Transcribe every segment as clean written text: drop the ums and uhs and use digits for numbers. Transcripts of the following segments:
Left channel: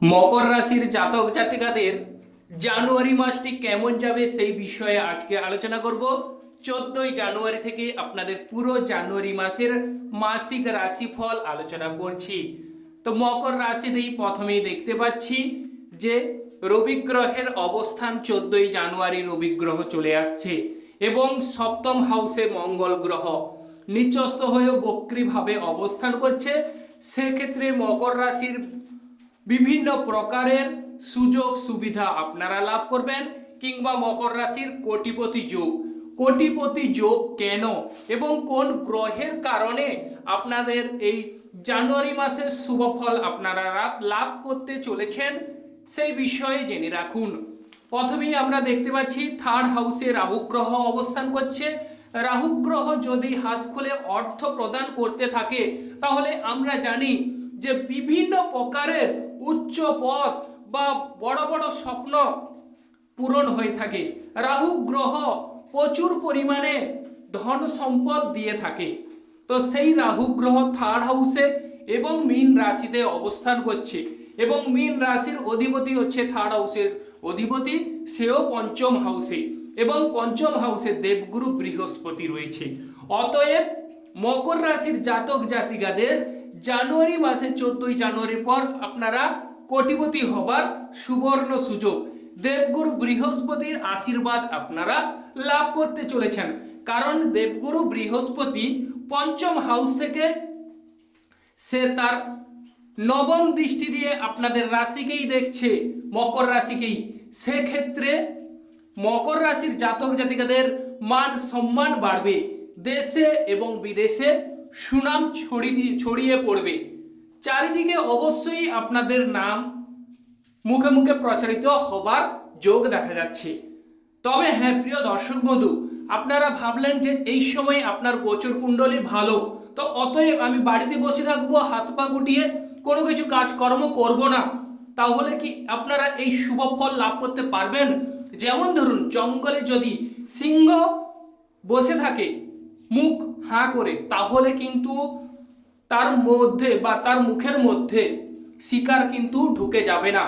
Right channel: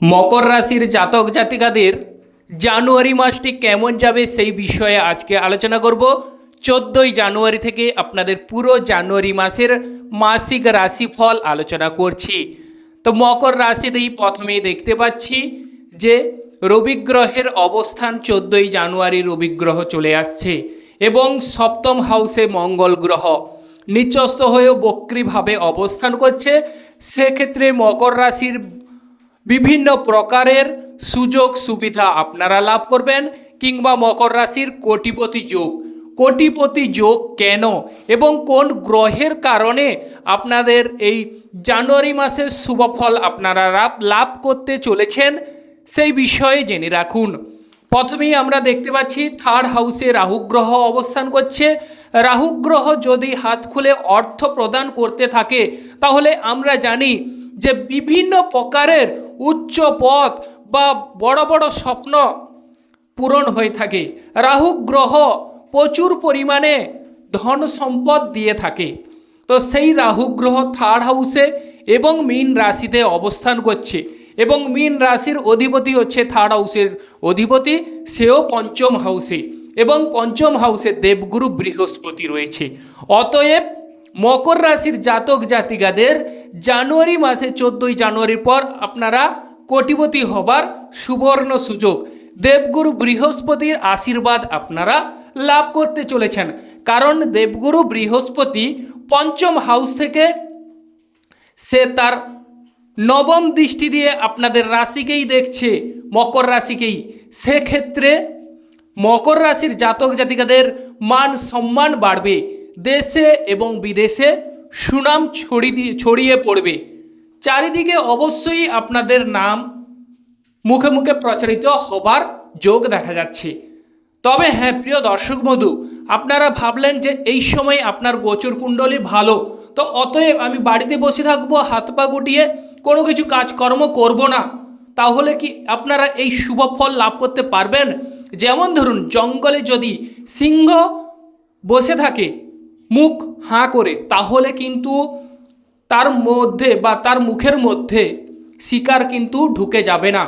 মকর রাশির জাতক জাতিকাদের জানুয়ারি মাসটি কেমন যাবে সেই বিষয়ে আজকে আলোচনা করব। 14ই জানুয়ারি থেকে আপনাদের পুরো জানুয়ারি মাসের মাসিক রাশিফল আলোচনা করছি। তো মকর রাশিতেই প্রথমেই দেখতে পাচ্ছি যে রবি গ্রহের অবস্থান 14ই জানুয়ারি রবি গ্রহ চলে আসছে এবং সপ্তম হাউসে মঙ্গল গ্রহ নিচস্থ হয়েও বক্রীভাবে অবস্থান করছে। সেক্ষেত্রে মকর রাশির বিভিন্ন প্রকারের সুযোগ সুবিধা আপনারা লাভ করবেন, কিংবা মকর রাশির কোটিপতি যোগ কেন এবং কোন গ্রহের কারণে আপনাদের এই জানুয়ারি মাসের শুভফল আপনারা লাভ করতে চলেছেন সেই বিষয়ে জেনে রাখুন। প্রথমেই আমরা দেখতে পাচ্ছি থার্ড হাউসে রাহু গ্রহ অবস্থান করছে। রাহু গ্রহ যদি হাত খুলে অর্থ প্রদান করতে থাকে তাহলে আমরা জানি যে বিভিন্ন প্রকারের উচ্চ পদ বা বড় বড় স্বপ্ন পূরণ হয়ে থাকে। রাহু গ্রহ প্রচুর পরিমাণে ধন সম্পদ দিয়ে থাকে। তো সেই রাহু গ্রহ থার্ড হাউসে এবং মীন রাশিতে অবস্থান করছে এবং মীন রাশির অধিপতি হচ্ছে থার্ড হাউসের অধিপতি, সেও পঞ্চম হাউসে এবং পঞ্চম হাউসে দেবগুরু বৃহস্পতি রয়েছে। অতএব মকর রাশির জাতক জাতিকাদের জানুয়ারি মাসে 14ই জানুয়ারির পর আপনারা কোটিপতি হবার সুবর্ণ সুযোগ, দেবগুরু বৃহস্পতির আশীর্বাদ আপনারা লাভ করতে চলেছেন। কারণ দেবগুরু বৃহস্পতি পঞ্চম হাউস থেকে সে তার নবম দৃষ্টি দিয়ে আপনাদের রাশিকেই দেখছে, মকর রাশিকেই। সেক্ষেত্রে মকর রাশির জাতক জাতিকাদের মান সম্মান বাড়বে, দেশে এবং বিদেশে সুনাম ছড়িয়ে পড়বে। চারিদিকে অবশ্যই আপনাদের নাম মুখে মুখে প্রচারিত হবার যোগ দেখা যাচ্ছে। তবে হ্যাঁ প্রিয় দর্শক বন্ধু, আপনারা ভাবলেন যে এই সময় আপনার গোচর কুণ্ডলী ভালো, তো অতএব আমি বাড়িতে বসে থাকবো, হাত পা গুটিয়ে কোনো কিছু কাজকর্ম করব না, তাহলে কি আপনারা এই শুভ ফল লাভ করতে পারবেন? যেমন ধরুন, জঙ্গলে যদি সিংহ বসে থাকে মুখ হাঁ করে, তাহলে কিন্তু তার মধ্যে বা তার মুখের মধ্যে শিকার কিন্তু ঢুকে যাবে না।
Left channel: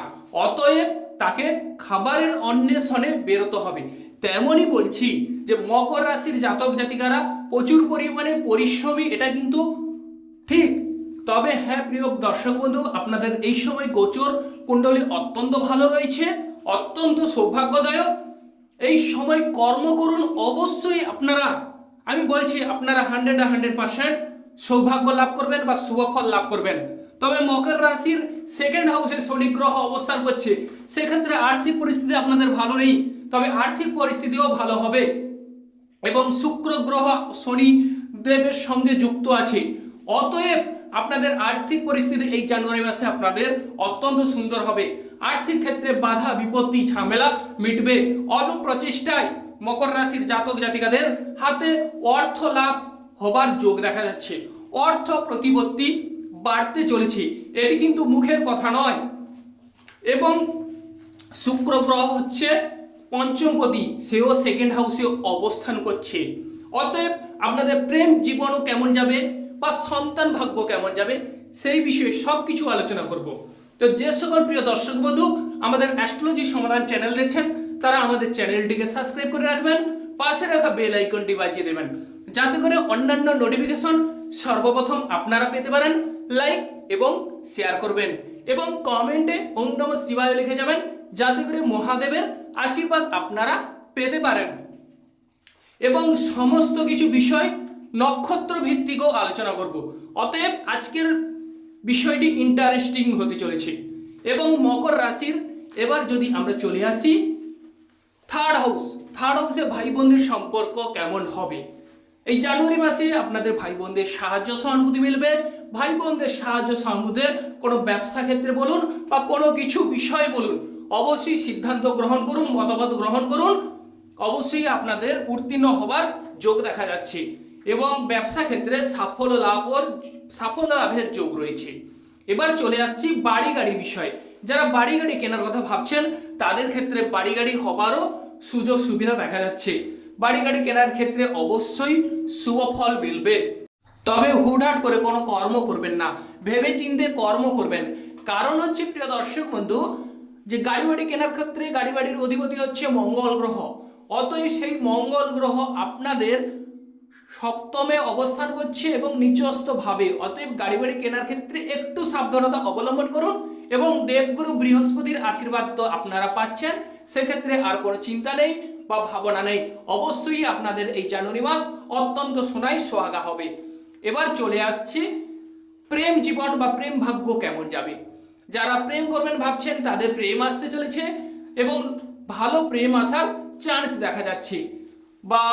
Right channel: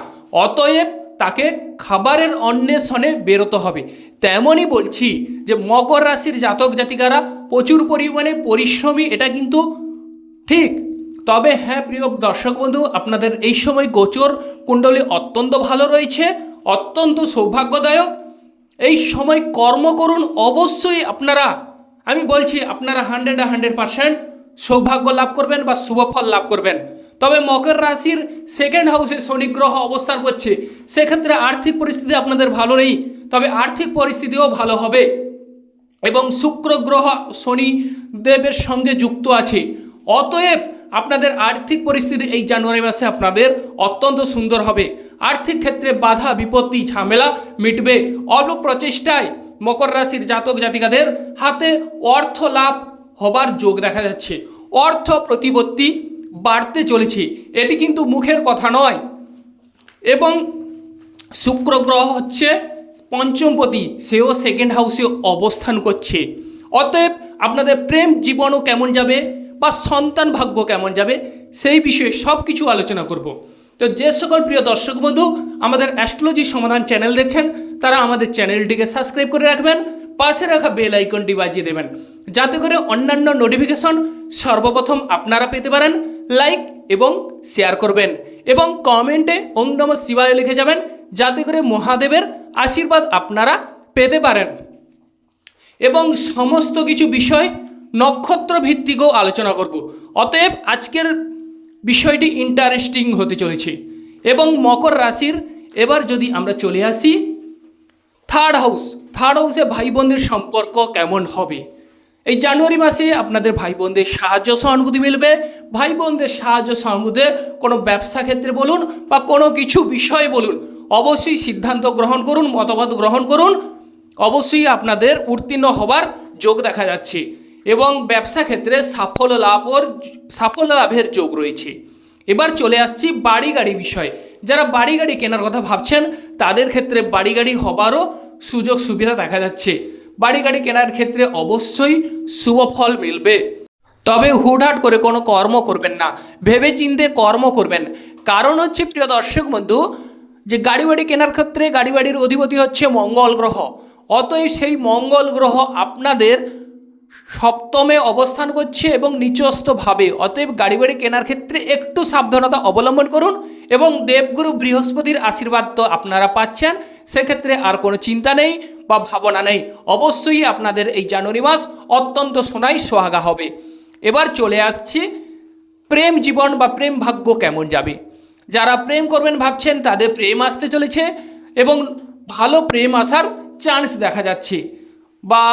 অতএব তাকে খাবারের অন্বেষণে বেরোতে হবে। তেমনই বলছি যে মকর রাশির জাতক জাতিকারা প্রচুর পরিমাণে পরিশ্রমী, এটা কিন্তু ঠিক। তবে হ্যাঁ প্রিয় দর্শক বন্ধু, আপনাদের এই সময় গোচর কুণ্ডলী অত্যন্ত ভালো রয়েছে, অত্যন্ত সৌভাগ্যদায়ক। এই সময় কর্ম করুন, অবশ্যই আপনারা, আমি বলছি আপনারা 100% সৌভাগ্য লাভ করবেন বা শুভফল লাভ করবেন। তবে মকর রাশির সেকেন্ড হাউসে শনি গ্রহ অবস্থান করছে, সেক্ষেত্রে আর্থিক পরিস্থিতি আপনাদের ভালো নেই, তবে আর্থিক পরিস্থিতিও ভালো হবে এবং শুক্র গ্রহ শনি দেবের সঙ্গে যুক্ত আছে। অতএব আপনাদের আর্থিক পরিস্থিতি এই জানুয়ারি মাসে আপনাদের অত্যন্ত সুন্দর হবে। আর্থিক ক্ষেত্রে বাধা বিপত্তি ঝামেলা মিটবে। অল্প প্রচেষ্টায় মকর রাশির জাতক জাতিকাদের হাতে অর্থ লাভ হবার যোগ দেখা যাচ্ছে। অর্থ প্রতিপত্তি বাড়তে চলেছে, এটি কিন্তু মুখের কথা নয়। এবং শুক্র গ্রহ হচ্ছে পঞ্চমপতি, সেও সেকেন্ড হাউসে অবস্থান করছে। অতএব আপনাদের প্রেম জীবনও কেমন যাবে বা সন্তান ভাগ্য কেমন যাবে সেই বিষয়ে সব কিছু আলোচনা করব। তো যে সকল প্রিয় দর্শক বন্ধু আমাদের অ্যাস্ট্রোলজি সমাধান চ্যানেল দেখছেন, তারা আমাদের চ্যানেলটিকে সাবস্ক্রাইব করে রাখবেন, পাশে রাখা বেল আইকনটি বাজিয়ে দেবেন, যাতে করে অন্যান্য নোটিফিকেশন সর্বপ্রথম আপনারা পেতে পারেন। লাইক এবং শেয়ার করবেন এবং কমেন্টে ওম নমঃ শিবায় লিখে যাবেন, যাতে করে মহাদেবের আশীর্বাদ আপনারা পেতে পারেন। এবং সমস্ত কিছু বিষয় নক্ষত্র ভিত্তিকও আলোচনা করব। অতএব আজকের বিষয়টি ইন্টারেস্টিং হতে চলেছে। এবং মকর রাশির এবার যদি আমরা চলে আসি থার্ড হাউসে ভাই বোনদের সম্পর্ক কেমন হবে? এই জানুয়ারি মাসে আপনাদের ভাই বোনদের সাহায্য সহানুভূতি মিলবে। ভাই বোনদের সাহায্য সহানুভূতি কোনো ব্যবসা ক্ষেত্রে বলুন বা কোনো কিছু বিষয়ে বলুন, অবশ্যই সিদ্ধান্ত গ্রহণ করুন, মতামত গ্রহণ করুন, অবশ্যই আপনাদের উত্তীর্ণ হবার যোগ দেখা যাচ্ছে এবং ব্যবসা ক্ষেত্রে সাফল্য লাভের যোগ রয়েছে। এবার চলে আসছি বাড়ি গাড়ি বিষয়। যারা বাড়ি গাড়ি কেনার কথা ভাবছেন তাদের ক্ষেত্রে বাড়ি গাড়ি হবারও সুযোগ সুবিধা দেখা যাচ্ছে। বাড়ি গাড়ি কেনার ক্ষেত্রে অবশ্যই শুভ ফল মিলবে। তবে হুটহাট করে কোনো কর্ম করবেন না, ভেবে চিন্তে কর্ম করবেন। কারণ হচ্ছে প্রিয় দর্শক বন্ধু, যে গাড়ি বাড়ি কেনার ক্ষেত্রে গাড়ি বাড়ির অধিপতি হচ্ছে মঙ্গল গ্রহ। অতএব সেই মঙ্গল গ্রহ আপনাদের সপ্তমে অবস্থান করছে এবং নিচস্থভাবে। অতএব গাড়ি বাড়ি কেনার ক্ষেত্রে একটু সাবধানতা অবলম্বন করুন এবং দেবগুরু বৃহস্পতির আশীর্বাদ তো আপনারা পাচ্ছেন, সেক্ষেত্রে আর কোনো চিন্তা নেই বা ভাবনা নেই। অবশ্যই আপনাদের এই জানুয়ারি মাস অত্যন্ত সোনাই সোহাগা হবে। এবার চলে আসছি প্রেম জীবন বা প্রেম ভাগ্য কেমন যাবে। যারা প্রেম করবেন ভাবছেন তাদের প্রেম আসতে চলেছে এবং ভালো প্রেম আসার চান্স দেখা যাচ্ছে, বা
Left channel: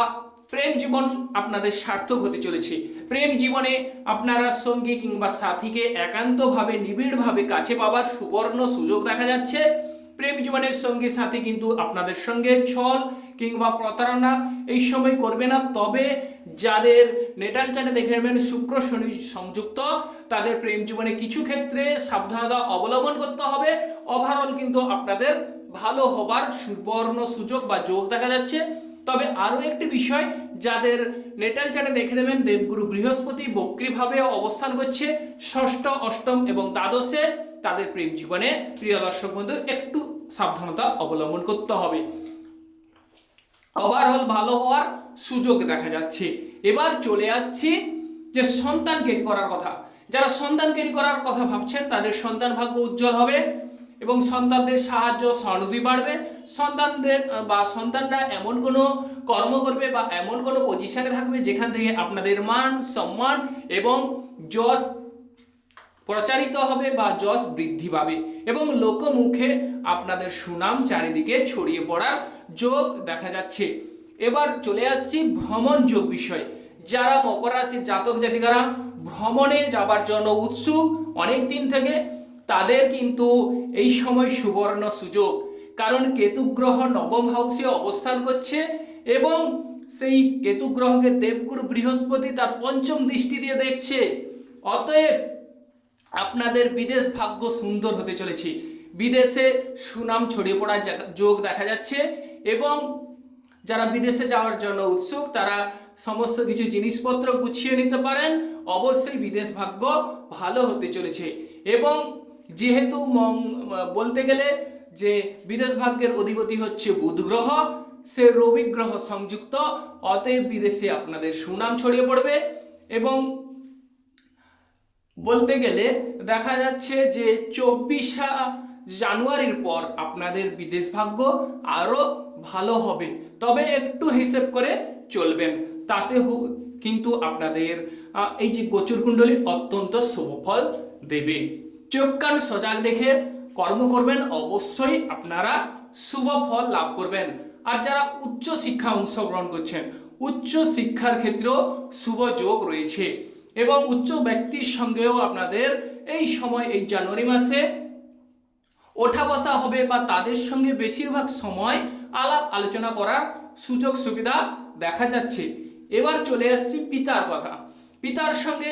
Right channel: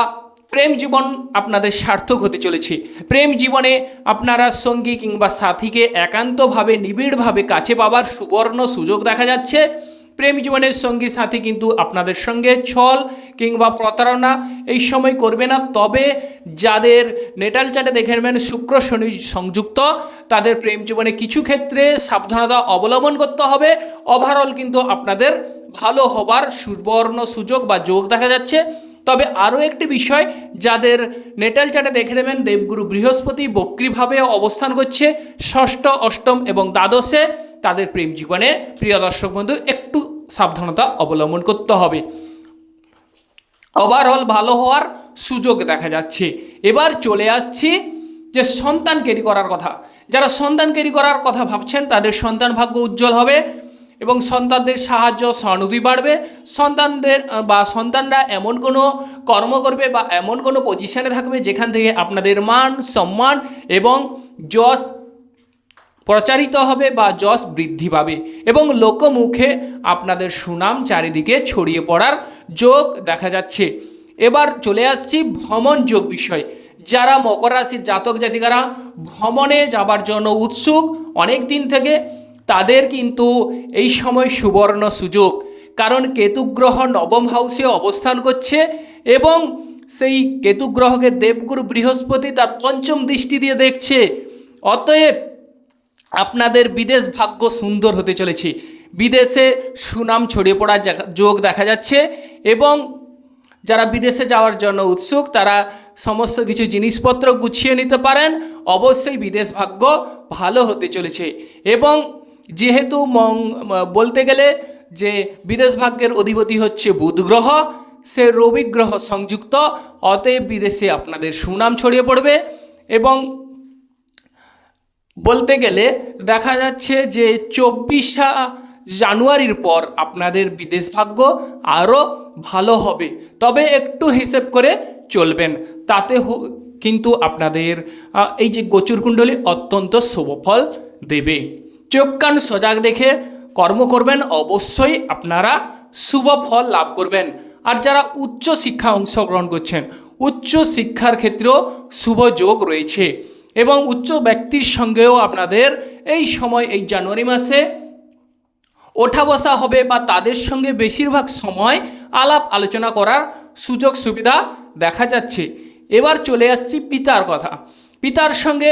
প্রেম জীবন আপনাদের সার্থক হতে চলেছে। প্রেম জীবনে আপনারা সঙ্গী কিংবা সাথীকে একান্তভাবে নিবিড়ভাবে কাছে পাওয়ার সুবর্ণ সুযোগ দেখা যাচ্ছে। প্রেম জীবনের সঙ্গী সাথী কিন্তু আপনাদের সঙ্গে ছল কিংবা প্রতারণা এই সময় করবে না। তবে যাদের নেটাল চার্টে দেখে নেবেন শুক্র শনি সংযুক্ত, তাদের প্রেম জীবনে কিছু ক্ষেত্রে সাবধানতা অবলম্বন করতে হবে। ওভারঅল কিন্তু আপনাদের ভালো হবার সুবর্ণ সুযোগ বা যোগ দেখা যাচ্ছে। তবে আরও একটি বিষয়, যাদের নেটাল চার্টে দেখে নেবেন দেবগুরু বৃহস্পতি বক্রীভাবে অবস্থান করছে ষষ্ঠ, অষ্টম এবং দ্বাদশে, তাদের প্রেম জীবনে প্রিয় দর্শক বন্ধু একটু সাবধানতা অবলম্বন করতে হবে। ওভারঅল ভালো হওয়ার সুযোগ দেখা যাচ্ছে। এবার চলে আসছি যে সন্তান ক্যারি করার কথা। যারা সন্তান ক্যারি করার কথা ভাবছেন তাদের সন্তান ভাগ্য উজ্জ্বল হবে এবং সন্তানদের সাহায্য সহানুভূতি বাড়বে। সন্তানরা এমন কোনো কর্ম করবে বা এমন কোনো পজিশনে থাকবে যেখান থেকে আপনাদের মান সম্মান এবং যশ প্রচারিত হবে বা যশ বৃদ্ধি পাবে এবং লোকমুখে আপনাদের সুনাম চারিদিকে ছড়িয়ে পড়ার যোগ দেখা যাচ্ছে। এবার চলে আসছি ভ্রমণ যোগ বিষয়। যারা মকর রাশির জাতক জাতিকারা ভ্রমণে যাবার জন্য উৎসুক অনেক দিন থেকে, তাদের কিন্তু এই সময় সুবর্ণ সুযোগ। কারণ কেতু গ্রহ নবম হাউসে অবস্থান করছে এবং সেই কেতু গ্রহকে দেবগুরু বৃহস্পতি তার পঞ্চম দৃষ্টি দিয়ে দেখছে। অতএব আপনাদের বিদেশ ভাগ্য সুন্দর হতে চলেছে। বিদেশে সুনাম ছড়িয়ে পড়ার যোগ দেখা যাচ্ছে এবং যারা বিদেশে যাওয়ার জন্য উৎসুক তারা সমস্ত কিছু জিনিসপত্র গুছিয়ে নিতে পারেন। অবশ্যই বিদেশ ভাগ্য ভালো হতে চলেছে এবং যেহেতু বলতে গেলে যে বিদেশ ভাগ্যের অধিপতি হচ্ছে বুধ গ্রহ, সে রবি গ্রহ সংযুক্ত, অতএব বিদেশে আপনাদের সুনাম ছড়িয়ে পড়বে এবং বলতে গেলে দেখা যাচ্ছে যে 24 জানুয়ারির পর আপনাদের বিদেশ ভাগ্য আরও ভালো হবে। তবে একটু হিসেব করে চলবেন, তাতে কিন্তু আপনাদের এই যে গোচরকুণ্ডলী অত্যন্ত শুভফল দেবে। চোখ কান সজাগ রেখে কর্ম করবেন, অবশ্যই আপনারা শুভ ফল লাভ করবেন। আর যারা উচ্চ শিক্ষা অংশগ্রহণ করছেন, উচ্চ শিক্ষার ক্ষেত্রেও শুভ যোগ রয়েছে এবং উচ্চ ব্যক্তির সঙ্গেও আপনাদের এই সময় এই জানুয়ারি মাসে ওঠা বসা হবে বা তাদের সঙ্গে বেশিরভাগ সময় আলাপ আলোচনা করার সুযোগ সুবিধা দেখা যাচ্ছে। এবার চলে আসছি পিতার কথা। পিতার সঙ্গে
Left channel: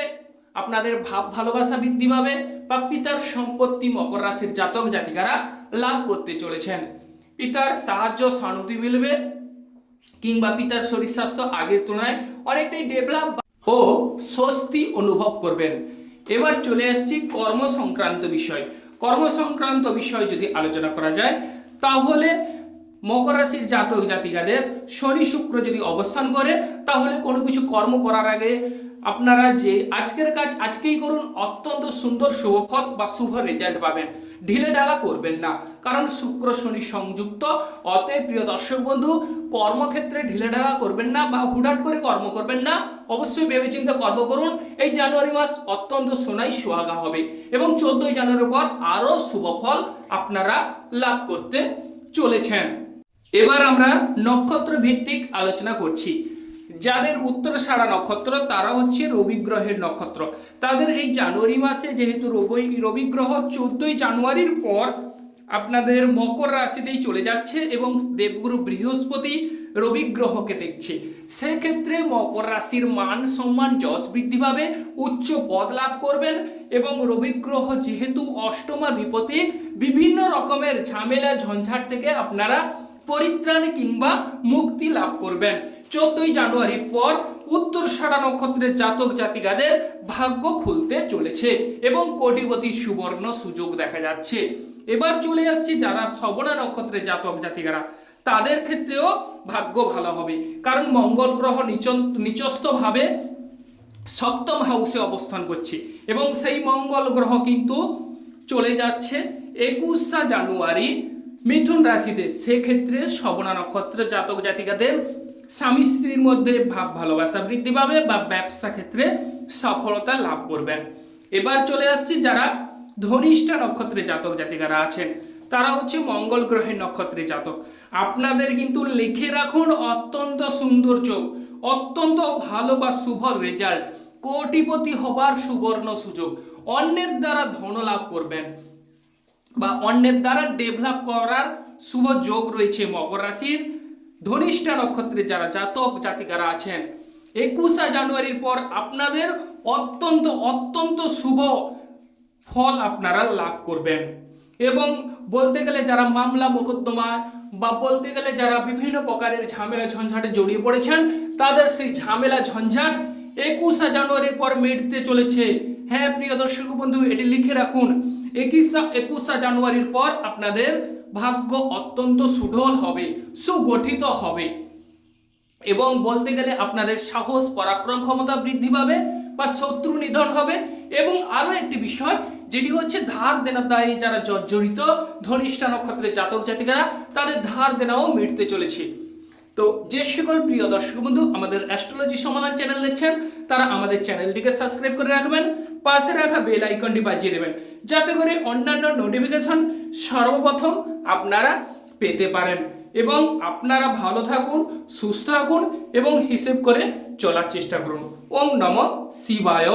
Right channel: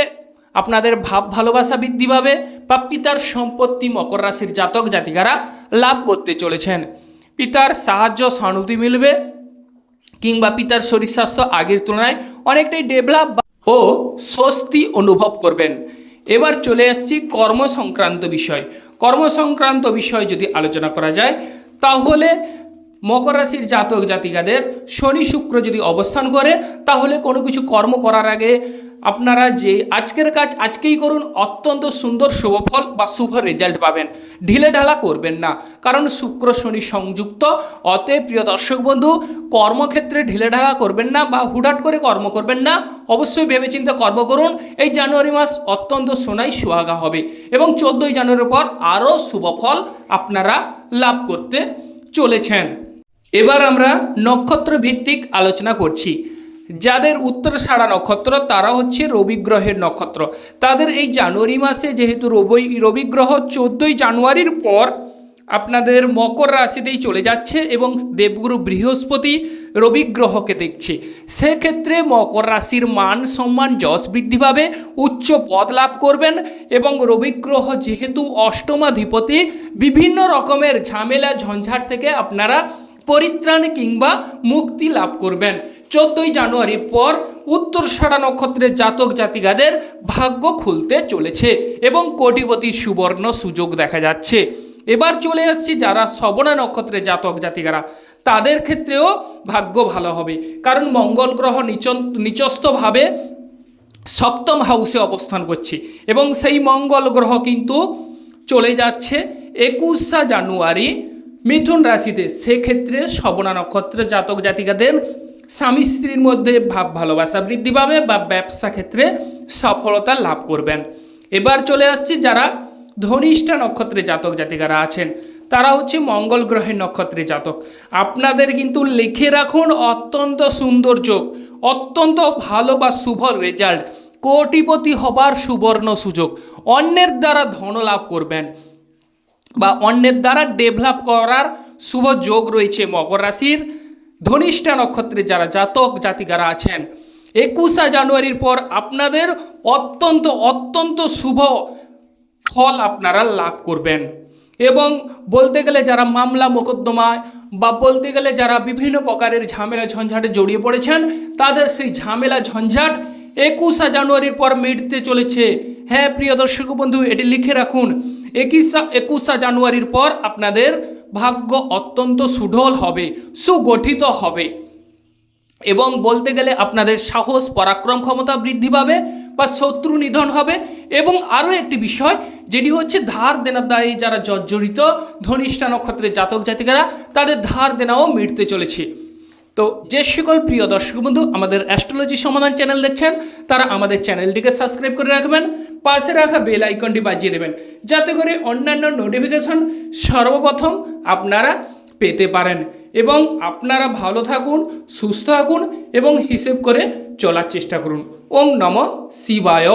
আপনাদের ভাব ভালোবাসা বৃদ্ধি পাবে বা পিতার সম্পত্তি মকর রাশির জাতক জাতিকারা লাভ করতে চলেছেন। পিতার সাহায্য সহানুভূতি মিলবে কিংবা পিতার শরীর স্বাস্থ্য আগের তুলনায় অনেকটাই ডেভেলপ ও স্বস্তি অনুভব করবেন। এবার চলে আসছি কর্ম সংক্রান্ত বিষয়। কর্ম সংক্রান্ত বিষয় যদি আলোচনা করা যায় তাহলে মকর রাশির জাতক জাতিকাদের শনি শুক্র যদি অবস্থান করে তাহলে কোনো কিছু কর্ম করার আগে আপনারা যে আজকের কাজ আজকেই করুন, অত্যন্ত সুন্দর শুভফল বা শুভ রেজাল্ট পাবেন। ঢিলে ঢালা করবেন না, কারণ শুক্র শনি সংযুক্ত। অতএব প্রিয় দর্শক বন্ধু, কর্মক্ষেত্রে ঢিলে ঢালা করবেন না বা হুটহাট করে কর্ম করবেন না, অবশ্যই ভেবেচিন্তে কর্ম করুন। এই জানুয়ারি মাস অত্যন্ত সোনাই সুহাগা হবে এবং 14ই জানুয়ারির পর আরও শুভফল আপনারা লাভ করতে চলেছেন। এবার আমরা নক্ষত্র ভিত্তিক আলোচনা করছি। যাদের উত্তরাষাঢ়া নক্ষত্র তারা হচ্ছে রবি গ্রহের নক্ষত্র। তাদের এই জানুয়ারি মাসে যেহেতু রবি গ্রহ 14ই জানুয়ারির পর আপনাদের মকর রাশিতেই চলে যাচ্ছে এবং দেবগুরু বৃহস্পতি রবি গ্রহকে দেখছে, সেক্ষেত্রে মকর রাশির মান সম্মান যশ বৃদ্ধি পাবে, উচ্চ পদ লাভ করবেন এবং রবি গ্রহ যেহেতু অষ্টমাধিপতি, বিভিন্ন রকমের ঝামেলা ঝঞ্ঝাট থেকে আপনারা পরিত্রাণ কিংবা মুক্তি লাভ করবেন। 14ই জানুয়ারির পর উত্তরষাঢ়া নক্ষত্রের জাতক জাতিকাদের ভাগ্য খুলতে চলেছে এবং কোটিপতির সুবর্ণ সুযোগ দেখা যাচ্ছে। এবার চলে আসছি যারা শ্রবণা নক্ষত্রের জাতক জাতিকারা, তাদের ক্ষেত্রেও ভাগ্য ভালো হবে, কারণ মঙ্গল গ্রহ নিচস্থভাবে সপ্তম হাউসে অবস্থান করছে এবং সেই মঙ্গল গ্রহ কিন্তু চলে যাচ্ছে 21শে জানুয়ারি মিথুন রাশিতে। সেক্ষেত্রে শ্রবণা নক্ষত্রের জাতক জাতিকাদের স্বামী স্ত্রীর মধ্যে ভাব ভালোবাসা বৃদ্ধি পাবে বা ব্যবসা ক্ষেত্রে সফলতা লাভ করবেন। এবার চলে আসছি যারা ধনিষ্ঠা নক্ষত্রের জাতক জাতিকারা আছেন, তারা হচ্ছে মঙ্গল গ্রহের নক্ষত্রের জাতক। আপনাদের কিন্তু লিখে রাখুন অত্যন্ত সুন্দর যোগ, অত্যন্ত ভালো বা শুভ রেজাল্ট, কোটিপতি হবার সুবর্ণ সুযোগ, অন্যের দ্বারা ধন লাভ করবেন বা অন্যের দ্বারা ডেভেলপ করার শুভ যোগ রয়েছে মকর রাশির ধনিষ্ঠা নক্ষত্রের যারা জাতক জাতিকারা আছেন। 21শে জানুয়ারির পর আপনাদের অত্যন্ত অত্যন্ত শুভ ফল আপনারা লাভ করবেন। এবং বলতে গেলে যারা মামলা মোকদ্দমায় বা বলতে গেলে যারা বিভিন্ন প্রকারের ঝামেলা ঝঞ্ঝাটে জড়িয়ে পড়েছেন, তাদের সেই ঝামেলা ঝঞ্ঝাট 21শে জানুয়ারির পর মিটতে চলেছে। হ্যাঁ প্রিয় দর্শক বন্ধু, এটি লিখে রাখুন, 21শে জানুয়ারির পর আপনাদের ভাগ্য অত্যন্ত সুঢল হবে, সুগঠিত হবে এবং বলতে গেলে আপনাদের সাহস পরাক্রম ক্ষমতা বৃদ্ধি পাবে বা শত্রু নিধন হবে। এবং আরও একটি বিষয় যেটি হচ্ছে ধার দেনার দায়ে যারা জর্জরিত ধনিষ্ঠা নক্ষত্রের জাতক জাতিকারা, তাদের ধার দেনাও মিটতে চলেছে। তো যে সকল প্রিয় দর্শক বন্ধু আমাদের অ্যাস্ট্রোলজি সমাধান চ্যানেল দেখছেন, তারা আমাদের চ্যানেলটিকে সাবস্ক্রাইব করে রাখবেন, পাশে রাখা বেল আইকনটি বাজিয়ে দেবেন, যাতে করে অন্যান্য নোটিফিকেশন সর্বপ্রথম আপনারা পেতে পারেন। এবং আপনারা ভালো থাকুন, সুস্থ থাকুন এবং হিসেব করে চলার চেষ্টা করুন। ওম নমঃ শিবায়।